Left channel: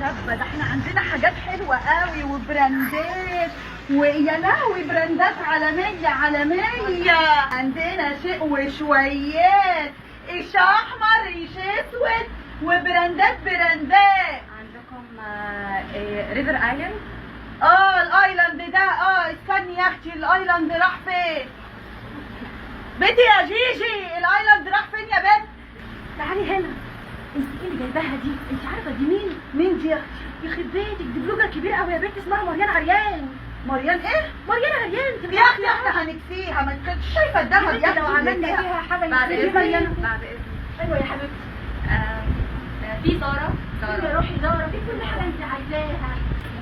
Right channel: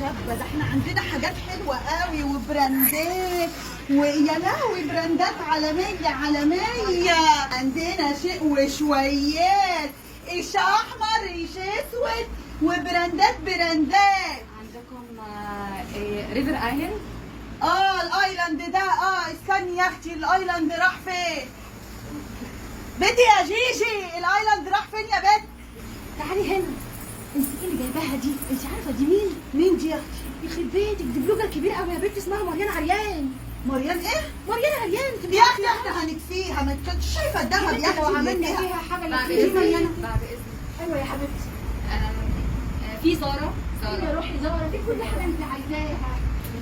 شابه، ده احنا عندنا حاجات حلوه قوي وبراندات، ويا لهوي براندات عالميه عالميه. عندنا شيء وشويات، ايش احمر ايش اسود، وبراندات براندات. عندكم ريفر ايلاند. الايلاند ده، استني يا اختي، الايلاند راح فين؟ بنتي يا جيجي، الايلاند راح فين يا بنت؟ تعالي هنا. انت ايه اللي جايباها دي؟ انت عارفه دي مين؟ مين دي يا اختي؟ يخرب بيتك، دي بلوجر كبيره قوي يا بنت اسمها مريان عريان. مريان ايه؟ مريان عريان. يا اختي احنا هنكفيها، ما كنتش شايفه الدهب يا اختي. لو عملنا فيها فيها حاجه بعد دي مريان. بعد اذنك. ايوه يا حبيبتي. في زارة. روحي زارة، في كل حاجه انت عايزاها.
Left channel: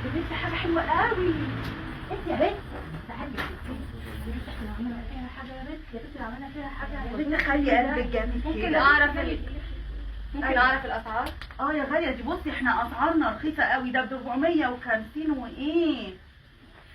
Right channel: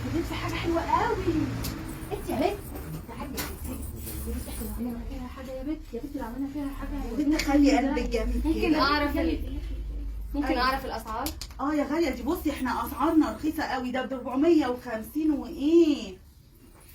لكن في حاجه حلوه قوي. انت يا بنت تعالي يا بنت، احنا لو عملنا فيها حاجه يا بنت، يا بنت لو عملنا فيها حاجه يا بنت خلي قلبك جامد ممكن كده. اعرف ممكن أيوة. اعرف الاسعار؟ يا غاليه دي، بصي احنا اسعارنا رخيصه قوي، ده ب 450 وايه.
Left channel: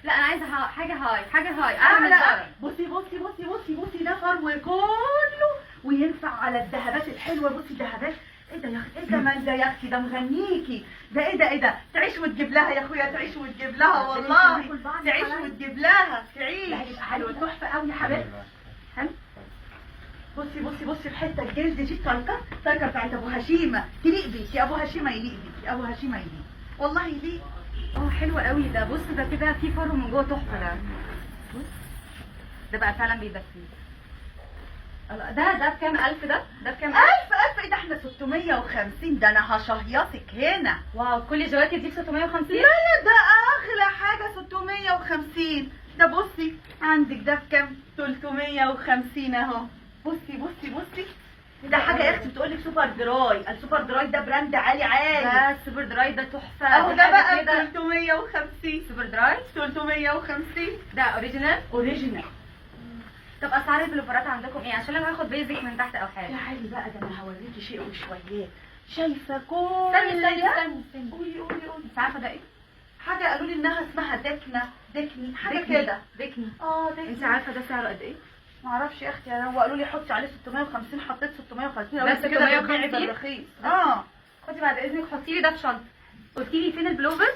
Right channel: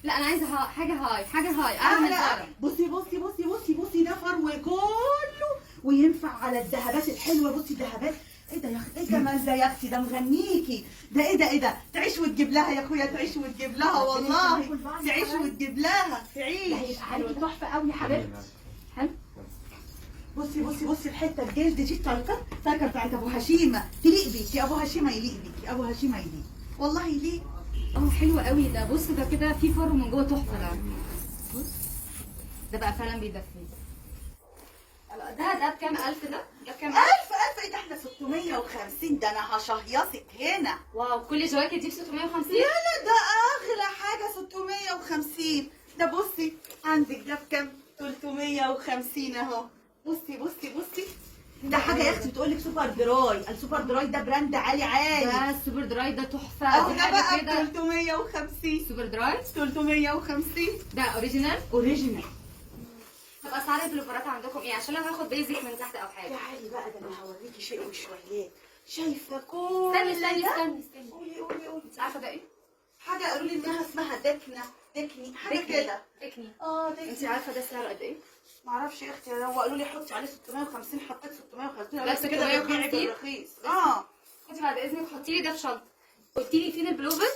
لا انا عايزه حاجه هاي، حاجه هاي. اعلى. بصي ده فرو كله وينفع على الذهبات الحلوه. بصي الذهبات، ايه ده يا اختي؟ ايه جمال ده يا اختي؟ ده مغنيكي ده. ايه ده تعيش وتجيب لها يا اخويا، تعيش وتجيب لها والله، تعيش وتجيب لها، تعيش. ده هيبقى حلو، تحفه قوي يا حبيبتي. حلو. بصي الحته الجلد دي، التايكه بتاعت ابو هشيمه تليق بيكي، ابو هشيمه يليق بيكي، ابو هشيمه يليق والله يليق. حلو قوي ده. بص ده كده في فرو من جوه تحفه. ده بص ده بقى فعلا بيدفي. ده بكام؟ 1000 ده بكام؟ 1000 ايه ده؟ احنا 650. ده انا هشهيصك هنا. واو، كل الجواكت دي ب 650؟ لا ده اغلى حاجه 650. ده بصي عندك ده بكام؟ 350 اهو. بصي ده حاجه يا اختي بتقول لك سوبر دراي. السوبر دراي ده براند عالي ده السوبر دراي ده تحفه. اهو. دي ده حاجة بقى ب كده. 350. سوبر دراي 350 ده اوريجينال. اوريجينال. طب اسعار البلوفرات عندكم ايه؟ عشان لو هاخد بيزك من تحت او حاجه. تعالي بقى، ده انا هوريكي شيء وشويات. شايفه كل استني ده؟ قولي انت عارفه ده ايه؟ حاجه قالوا لي انها اسمها دكني حاجه كده. دكني. دكني. انت عارفه ده سعره قد ايه؟ معرفش يا اختي، هو قالوا لي حطي عليه 650، حطيت 650. ده بس كده 650 بالرخيص. خدي بعد اذنك حطي لي ده في شنطه. قلتي لي فين البلوفر؟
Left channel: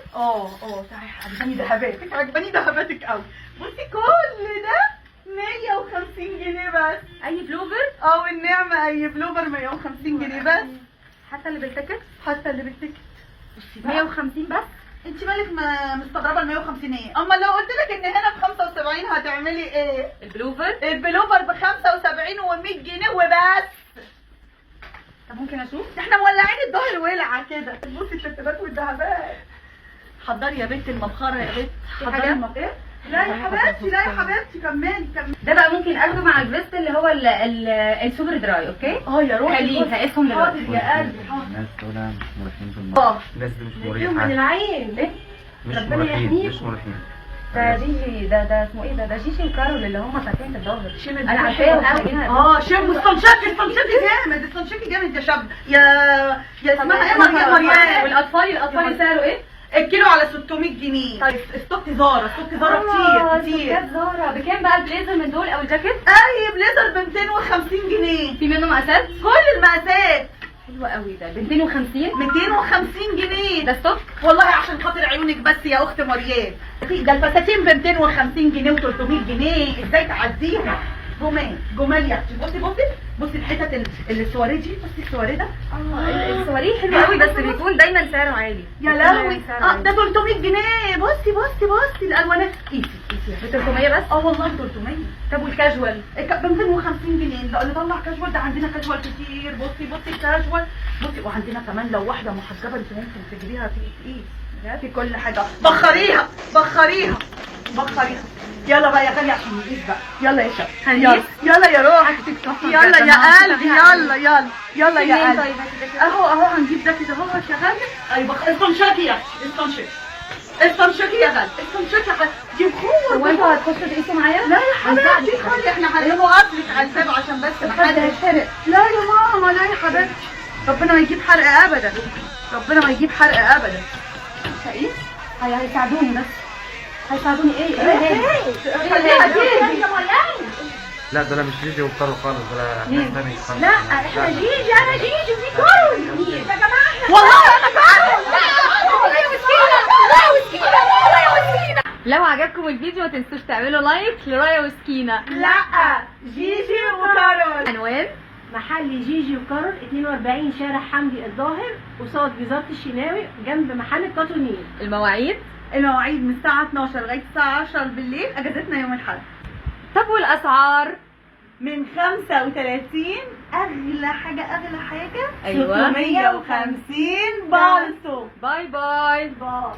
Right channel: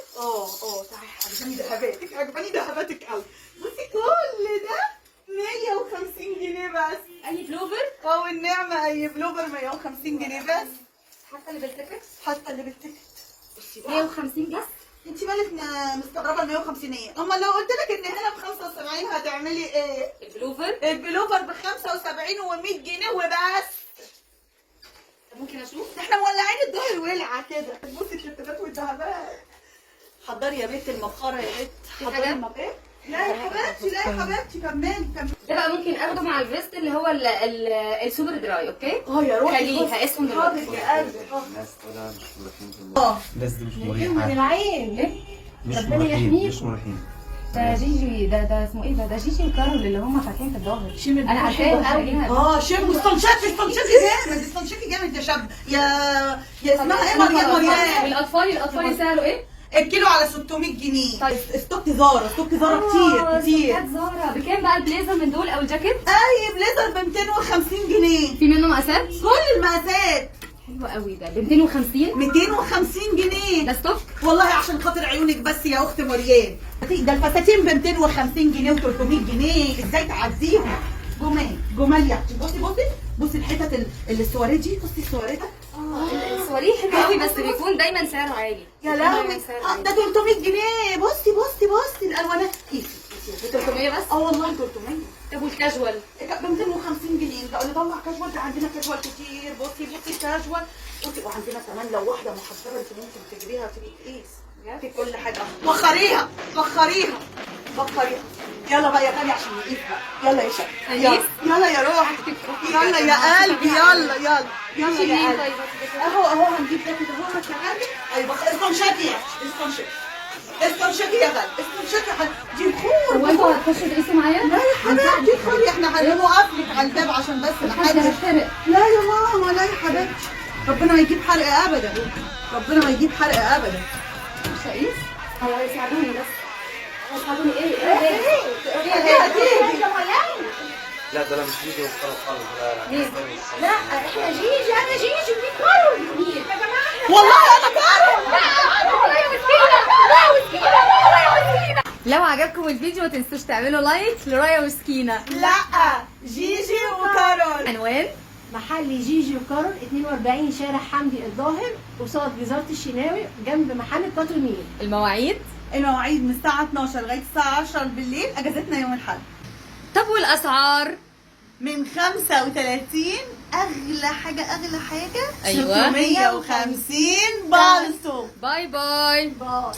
تعالي، عجباني دهباتك قوي. بصي كل ده 150 جنيه بس. اي بلوفر؟ والنعمه اي بلوفر 150 جنيه بس. حتى اللي بالتيكت؟ حتى اللي بالتيكت. بصي بقى 150 بس؟ انت مالك مستغربه ال 150 ايه؟ اما لو قلت لك ان هنا ب 75 هتعملي ايه؟ البلوفر ب 75 و100 جنيه وبس. طب ممكن اشوف؟ احنا مولعين الظهر ولعه كده. بصي الترتيبات والذهبات. حضري يا بنت المبخره يا بنت. حضري ايه؟ لا يا حبيبتي كملي. ده بقى ممكن اخده مع الفيست اللي هو السوبر دراي. اوكي؟ يا روحي خليه هقيسهم دلوقتي. حاضر يا قلبي حاضر. الناس دول مش مريحين في الموضوع. الناس دي مش من مريحة. العين ليه؟ مش ربنا مريحين يحميكم. مش مريحين. ده جيجي ده اسمه ايه ده جيجي وكارول اللي هم فاتحين في الظهر. شم انا عارفاهم قوي. شم استنشقي جامد يا شاب. يا اسمها ايه؟ مريم. والاطفال سعره ايه؟ الكيلو على 600 جنيه. طيب. ستوك زارا كتير. ستوكات زارا. بكام بقى البليزر من دول او الجاكيت؟ اي بليزر ب 250 جنيه. في منه مقاسات؟ كل المقاسات. حلوة قوي ده ب 250. 250 جنيه ده ستوك؟ والله عشان خاطر عيونك بس يا اخت مريم. ده الفساتين ب 250 جنيه و300 جنيه. ازاي تعديهم؟ جمال يا اختي. بصي الحتت السواريه دي. بصي السواريه ده. السواريه حلو قوي بس بيكون دايما سعره عالي. يا لهوي. ده 300 جنيه. بصي الالوانات. قيسي ب 300 بس؟ والله 300. طب والكاجوال؟ ب 250 جنيه. ده نطلع كاجوال، ده عندنا كاجوال كتير. بصي كاجوال. وعندنا كمان لو واحده محجبه انت ممكن تجيبيها تقيس في كل حاجه. بخريها. يلا بقى يا غالي عشان نقيس بقى. يلا يا شباب. يلا يا روح. يلا يا قلبي. يلا يا قلبي. اهو هنجيب ده كده اهو يا غالي. ايوه استنشقي يا غالي. دي بخور. هو انتوا هتخشوا تقيسوا معايا؟ لا يا حبيبتي خلي احنا هنوقف لك على الباب عشان بس ما حدش هيتحرق. لا يا ماما، لا يا حبيبتي. ربنا ما يجيب حرق ابدا. مش هقيس؟ هيساعدوني بس. هيساعدوني ايه؟ خليها تيجي. لا ده انا مش جيجي وكارول خالص. ده ناس تانية خالص. لا احنا جيجي، انا جيجي ودي كارول. يا جماعه والله انا كارول. عجبكم الفيديو ما تنسوش تعملوا لايك لرايا وسكينة. لا، جيجي وكارول. عنوان محل جيجي وكارول 42 شارع حمدي الظاهر قصاد وزارة الشناوي جنب محل كاتونيل. المواعيد. المواعيد من الساعة 12 لغاية الساعة 10 بالليل، اجازتنا يوم الأحد. طب والاسعار؟ من 35 اغلى حاجة اغلى حاجة أيوة. 650 بالتو. باي باي. باي.